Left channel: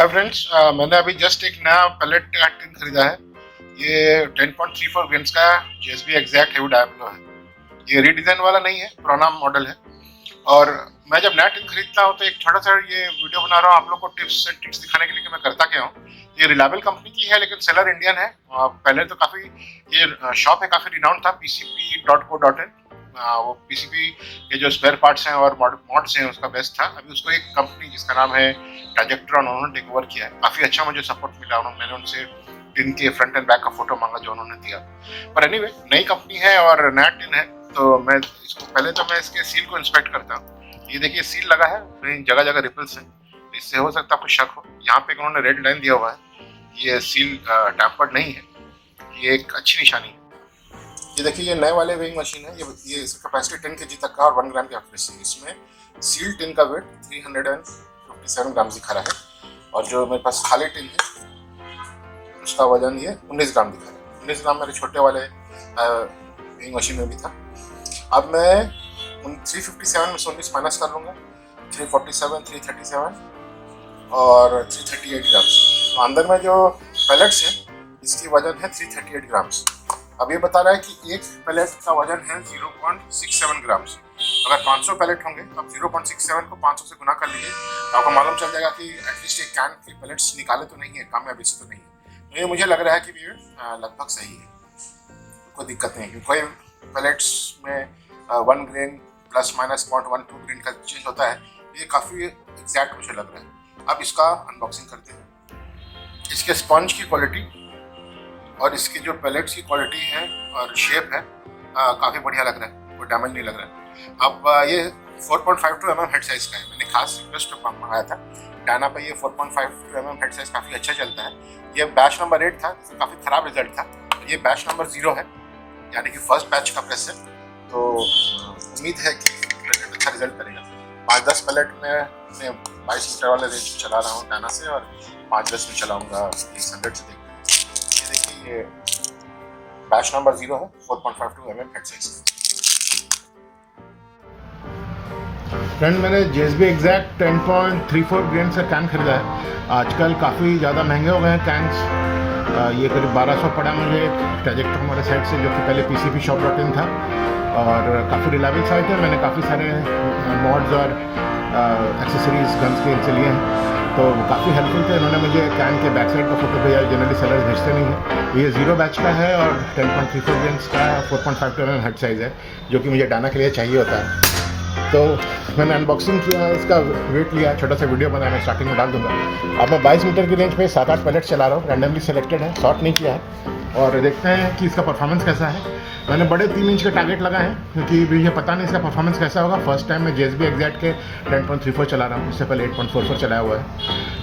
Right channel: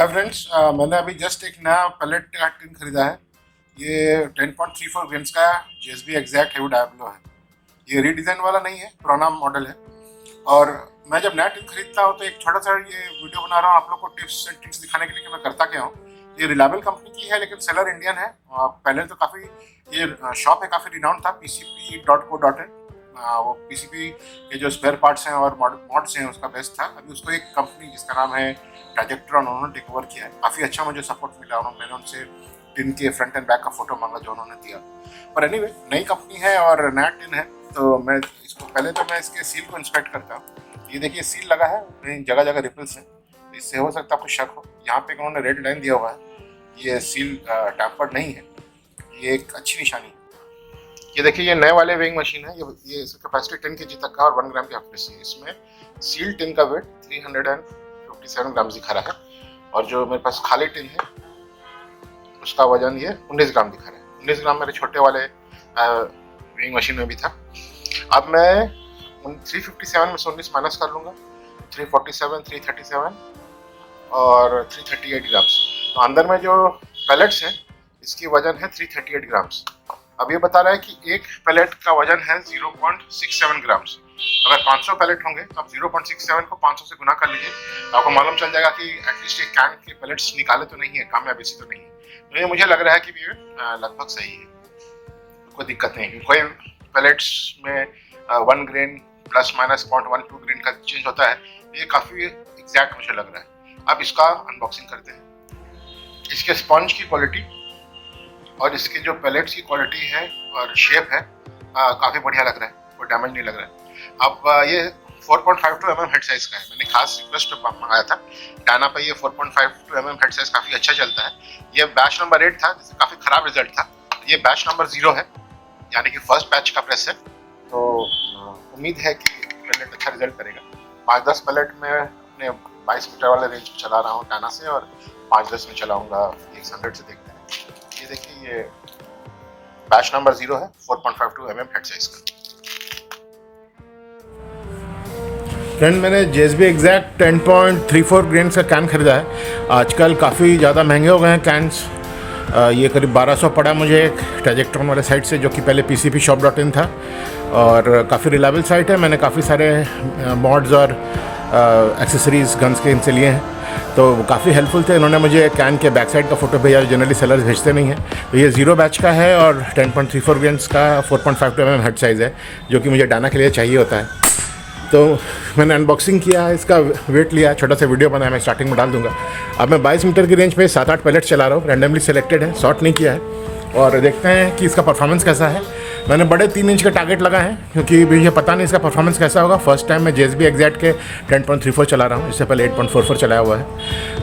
Hi friends, मैंने अभी just एक नया पैलेट का टिन खरीदा है। ये 10.34 ग्रेन्स का जेएसबी एग्जैक्ट हेवी डायब्लो है। ये रीडिज़ाइन वाला नहीं है, पुराना मॉडल है। और मैं जब नया टिन खरीदता हूँ तो एक छोटा सा ये वीडियो बना रहा हूँ आप लोग को टिप्स एंड ट्रिक्स दिखाने के लिए कि मैं करता क्या हूँ। ये रिलायबल कंपनी की है लेकिन सेलर इंडियन है। पहले तो काफ़ी ये शॉप है, काफ़ी रिनाउंड था, pcp.co.in। वो पीसीपी के जो स्पेयर पार्ट्स हैं और मॉड्स हैं उसका बेस्ट था। अभी उसको एक कंपनी जिसका नाम है ट्राजेक्ट्रॉन, उन्होंने टेक ओवर किया है। काफ़ी अच्छा मुझे सपोर्ट मिला। मैंने उनसे टिन के फ्रंट एंड बैक का फोटो मांगा जो उन्होंने दिया। पर एनीवे, नई कंपनी है और नया टिन है तो मैं इसको पहले तो मैं इसके सील को इंस्पेक्ट करता हूँ। ये देखिए सील लगा है, कहीं जगह जगह रिपल्स हैं, तो इससे हो सकता है आपको शक हो। यहाँ पे उन्होंने रेड लाइन दिया हुआ है, ये सील टैम्पर्ड नहीं है, ये एक अच्छी निशानी है। ये देखिए ये नए वाले वेइंग मशीन है। ये इसका कैपेसिटी 10 केजी तक का और 1 ग्राम की एक्यूरेसी है। इसमें सील टिन का वेट 357 ग्राम दिखा रहा है और जो मेरे पास खाली टिन है उसका वजन ये 19 ग्राम दिखा रहा है। 19 ग्राम मेरे छोटे वाले वेइंग मशीन में भी था। अब मैं 357 में से 19 माइनस कर लूँगा, 347, 337 और 338 ग्राम्स। तो अंदर में जो पैलेट्स हैं इसकी वजन है 338 ग्राम्स। अब ये बता रहा है कि एक पैलेट का वजन है 0.67 ग्राम्स। अगर 500 पैलेट होंगे तो आप 0.67 को 500 से गुना कर लीजिए तो आपको मालूम चल जाएगा कि एटलीस्ट एक कैन के पैलेट्स निकाले तो नहीं है, कामयाबी से तो नहीं है। तो ये मुझे लग रहा है कि ये लगभग सही है, कोई दिक्कत नहीं है। कोई पैलेट्स में 1 ग्रेन प्लस माइनस 0.12 ग्रेन का चेंज होता है। ये काफ़ी एग्जैक्ट मुझे लग रहा है। अब इसका अनबॉक्सिंग करते हैं। इसके स्पंज की क्वालिटी और इसके जो पैलेट्स की क्वालिटी है और शेप है काफ़ी बढ़िया लग रहा है, कोई डैमेज नहीं लग रहा है। अब ये 4.52 mm हेड साइज़ का है। मैंने खास रिक्वेस्ट पे मंगाया था डायना पे। ये 4.52 mm हेड साइज़ काफ़ी अच्छा चलता है। ये बैच नंबर 8 था, जिसका काफ़ी ख़राब रिजल्ट था। ये बैच नंबर 0 है, यानी कि फर्स्ट बैच का प्रेस है। तो उम्मीद है कि पैलेट अच्छा रिजल्ट करेगा। 5-10 पैलेट में अपने 22 मीटर वाले रेंज चला रहा हूँ डायना से और 5-10 में चलाऊँगा 100 से। देखते हैं। ये देखिए ये बैच नंबर 0 है, 4.52 mm हेड साइज का। फ्रेंड, मैंने जेएसबी एग्जैक्ट 10.34 ग्रेन का कैन खरीदा है। आजकल काफ़ी ज़्यादा महंगे हो गए हैं कैन्स। ये करीब 1200 पड़ा मुझे एक ट्राजेक्ट्रॉन वाले साइट से, जो कि पहले pcpshop.in था और काफ़ी रिलायबल साइट है। मैंने काफ़ी सारे मॉड्स और एक्सेसरीज गन्स के इनसे लिए हैं, तो काफ़ी हेल्पफुल थे। इन्होंने मुझे कैन के बैक साइड का फोटो भेजा, जनरली सेलर्स भेजते नहीं हैं। तो ये 0 बैच का है और 10.34 ग्रेन्स का 4.52 mm हेड साइज़ है, जो कि मुझे डायना के लिए चाहिए होता है। तो मैंने अनबॉक्सिंग किया है, इसका वेट लिया, छोटा सा वीडियो बनाया, मैं स्टार्टिंग में डाल दूंगा। अब मैं 22 मीटर की रेंज पे 7-8 पैलेट चला रहा हूँ, रैंडमली सेलेक्टेड है, शॉर्ट नहीं किया है। और देखते हैं कि इसका परफॉर्मेंस कैसा है। मैंने बड़े 3 इंच का टारगेट लगा है क्योंकि मुझे पता नहीं इसका परफॉर्मेंस कैसा होगा। फर्स्ट टाइम मैं जेएसबी एग्जैक्ट के 10.34 चला रहा हूँ, इससे पहले 8.44 चलाया हुआ है।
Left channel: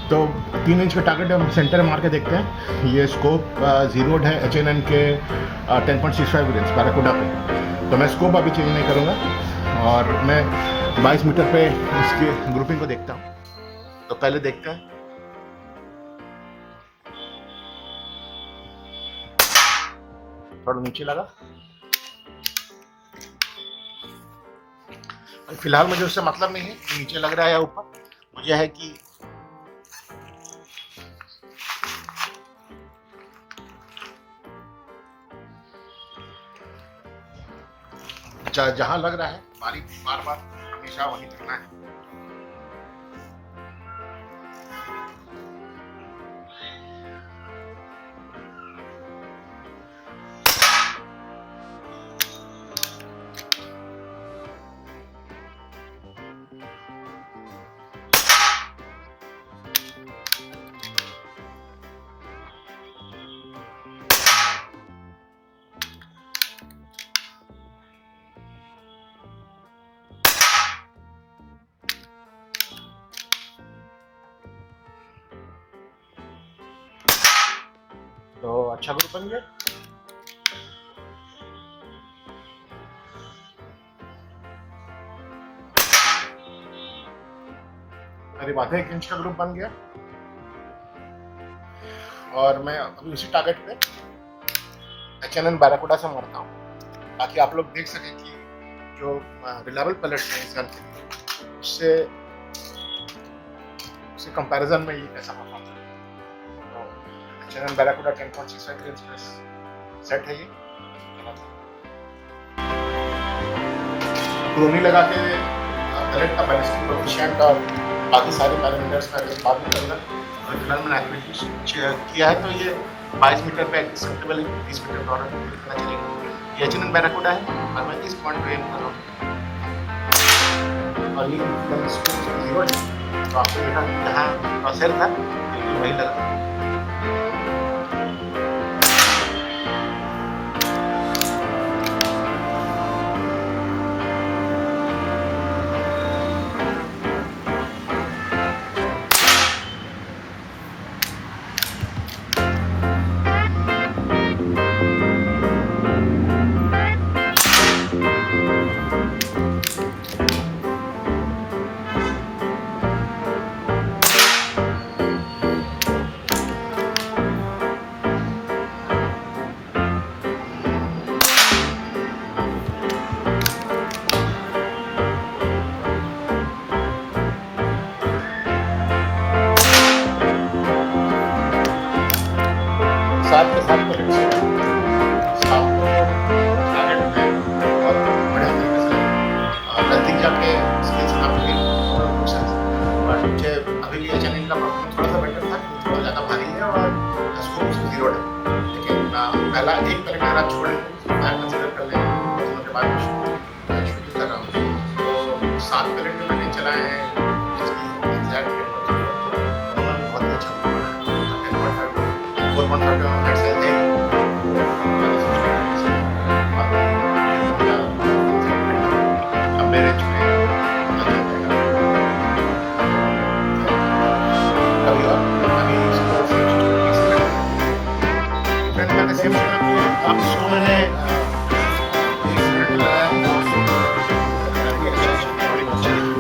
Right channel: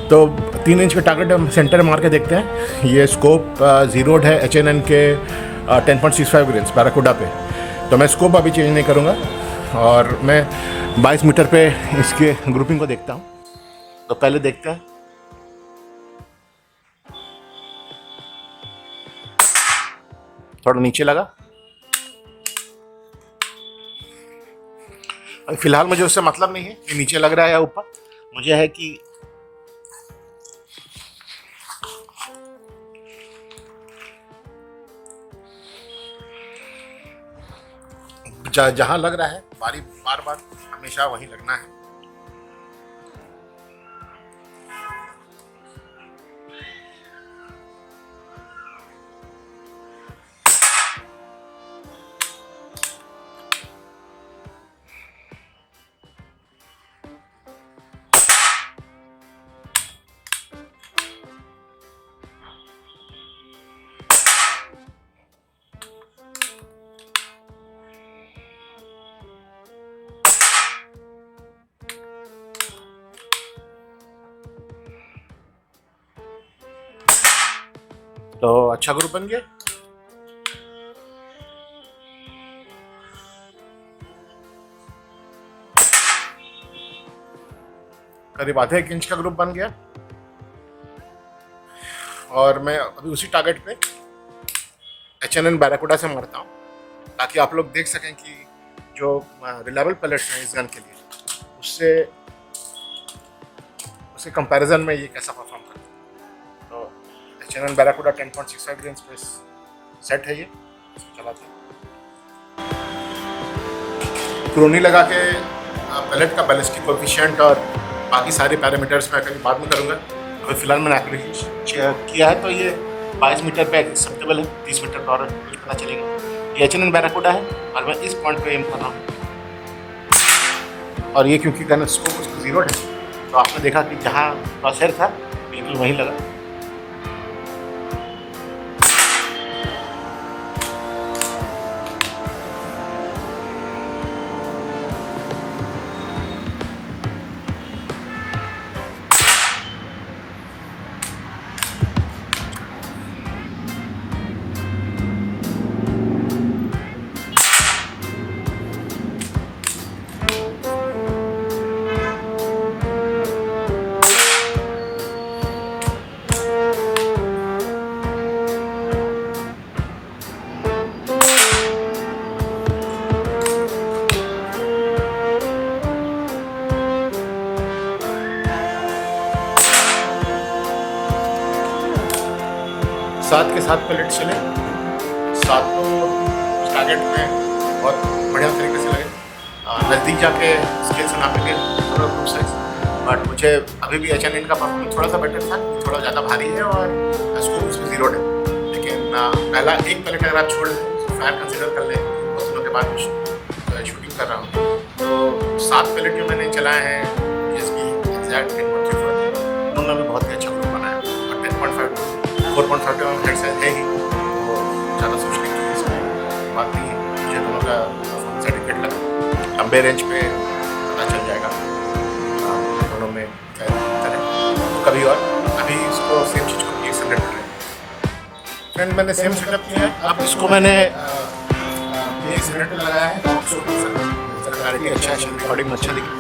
तो 3 इंच का टारगेट हम सेंटर में मार के देखते हैं। ये स्कोप जीरोड है HNN के 10.65 ग्रेन्स बैराकुडा पे। तो मैं स्कोप अभी चेंज नहीं करूँगा और मैं 22 मीटर पे इसके ग्रुपिंग को देखता हूँ। तो पहले देखते हैं। थोड़ा नीचे लगा। फिलहाल मुझे उससे मतलब नहीं है कि नीचे लग रहा है या ऊपर। मुझे है कि जहां लग रहा है बार बार हमेशा वहीं लगना है। तो अच्छा ग्रुप बन गया। करीब आधे 1 इंच का ग्रुप बन गया और मैं अभी उसी टारगेट पे HNN बैराकुडा से मारता हूँ ताकि आप लोग देख सकें कि जो रिलायबल पैलेट्स हैं इस गन के लिए उससे कंपैरिजन में ये कैसा परफॉर्म करता है। H&M बैराकूडा 10.65 रेंज का सेट है ये, चलाता है। क्रोनी लगा के पैलेट का बैलिस्टिक कोएफिशिएंट और बाकी सारे पैरामीटर्स मैं कहीं बाद में करूँगा। अभी फिलहाल मैंने एक्विजिशन किया है तो ये 22 मीटर पे एक्सेप्टेबल है, 30 मीटर पर और पता चलेगा। ये H&M बैराकूडा है और मैं इस पॉइंट पे एम कर रहा हूँ। और ये क्योंकि गन स्कोप जीरो है तो आपने देखा कि जहाँ क्रॉसहेयर था बिल्कुल वहीं लगा। साथ के साथ पैलेट से साथ को टारगेट में बहुत बढ़िया तरीके से लगे और नज़दीक जाके स्केल से नापेंगे थोड़ा गुड साइज। बट मुझे अभी भी H&M का परफॉर्मेंस थोड़ा सा बेटर था, थोड़ा ज़्यादा भारी है और स्कोप उसमें जीरो है। लेकिन पहला एक पैलेट अगर आप छोड़ दें फ्लैट कंसिडर कर लें बहुत दिनों के बाद शूटिंग कर रहा हूँ तो 7 पैलेट जो मैंने चलाए हैं JSB एग्जैक्ट 10.34 उन्होंने बहुत ही अच्छा बनाया। 10.5 4.5 का फ्लैट साइज है ही तो ज़्यादा सोचने की बात नहीं है। मुझे दोनों का सर्टिफिकेट लगा लंबे रेंज पे पता चल जाएगा दोनों में कभी। और अभी इसको सेम चीज़ को एक सेकंड में फ्रेंड मैंने सेम सेटअप किया है। अब इसको मैंने ये सेकंड लगाया है और इसको क्लैरिटी अच्छा है, रिकॉर्डिंग अच्छा दिखी।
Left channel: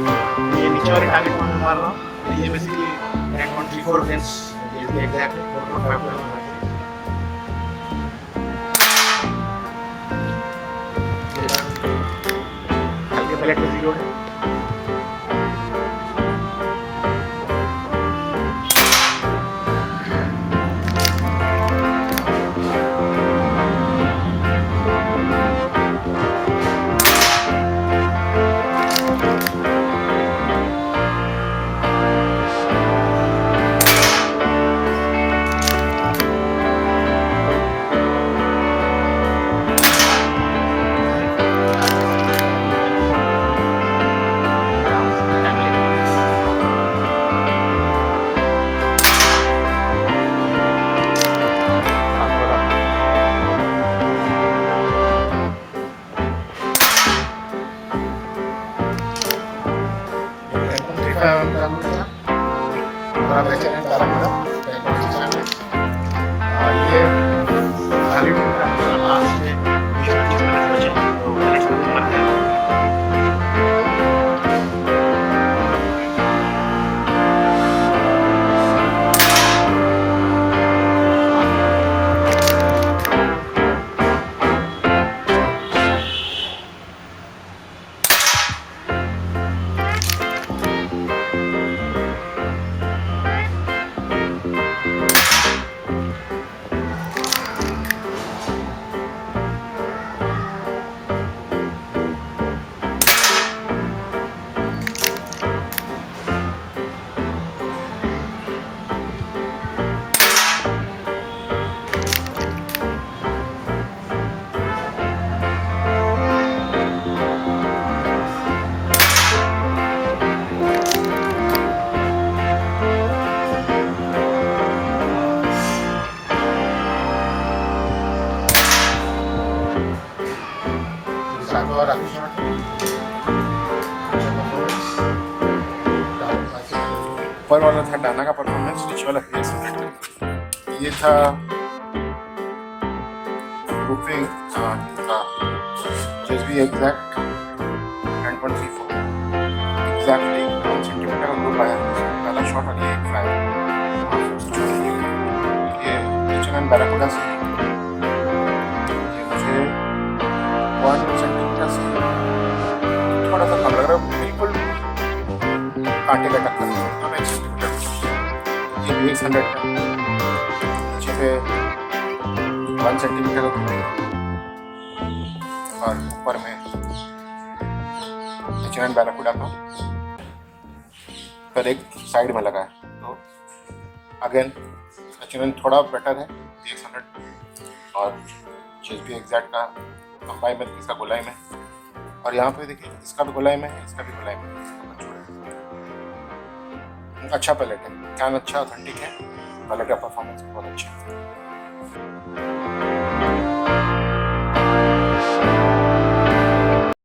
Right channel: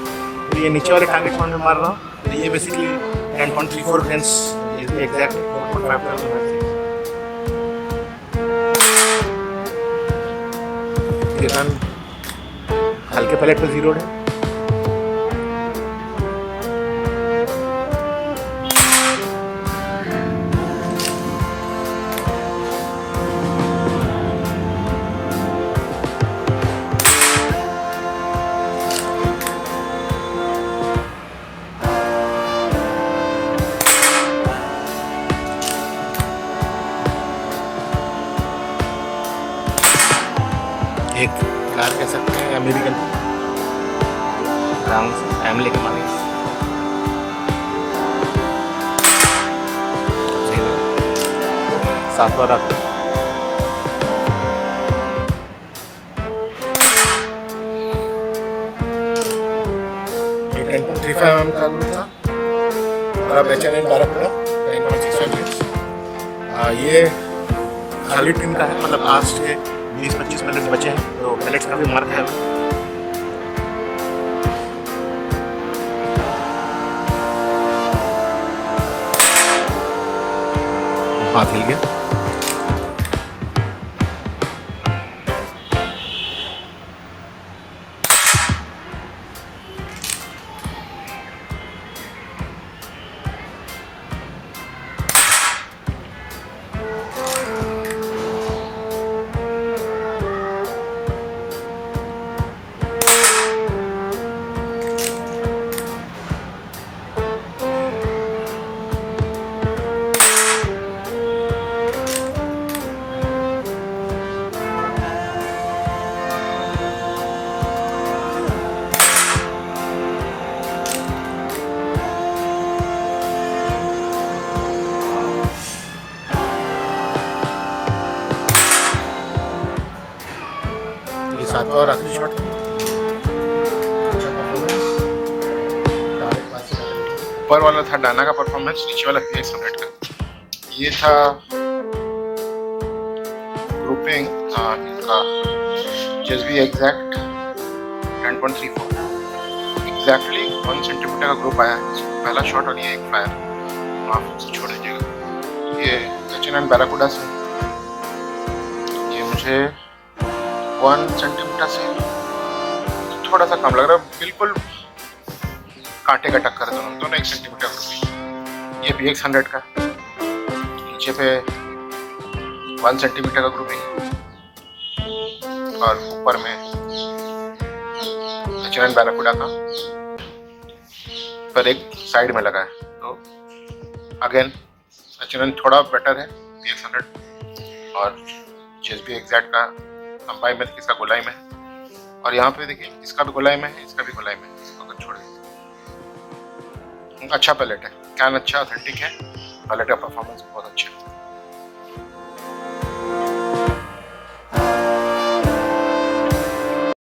तो ये नीचे वाले टारगेट में मार रहा हूँ तो ये बेसिकली 10.34 फ्रेंड्स एग्जैक्ट 4.5 हल्के पैलेट पे जीरो है। एक अमेरिकन आराम से टाइम लेके साफ कर रहा था। ये खाली टीम का है, मतलब आज से 20-25 मिनट बचे हैं तो पैलेट्स का भी मार्क है। हाथ ले गया। और आखिरी शॉट अच्छा परफॉर्मेंस। ऊपर वाला था डाना का परफॉर्मेंस, नीचे वाला PX100 का। ये था ग्रुपिंग इनका JSB एग्जैक्ट 10.34 एग्जैक्टली 1 सेंटीमीटर का ग्रुप आया है। पहला शॉट और ये एक फ्लायर माफ से छोड़ दीजिएगा। ये H&M बैराकूडा से ये मुझे 1 सेंटीमीटर से थोड़ा सा कम लग रहा है, बिल्कुल कांटे का टक्कर दोनों 1 सेंटीमीटर। ये PX100 का नीचे नीचे पे 1 सेंटीमीटर का ग्रुपिंग है और ऊपर में H&N बैराकुडा का पर एक साइड में लगा है। तो अगेन H&N थोड़ा बेटर है PX100 और JSB एग्जैक्ट का लंबाई में इसका गोलाई में है। और यहाँ पे देखिए इसका भी गोलाई में है, इसका भी गोलाई में है। इसको छोड़े अच्छा पैलेट है, कैन अच्छा ऑथेंटिक है, पैलेट का परफॉर्मेंस बहुत अच्छा है।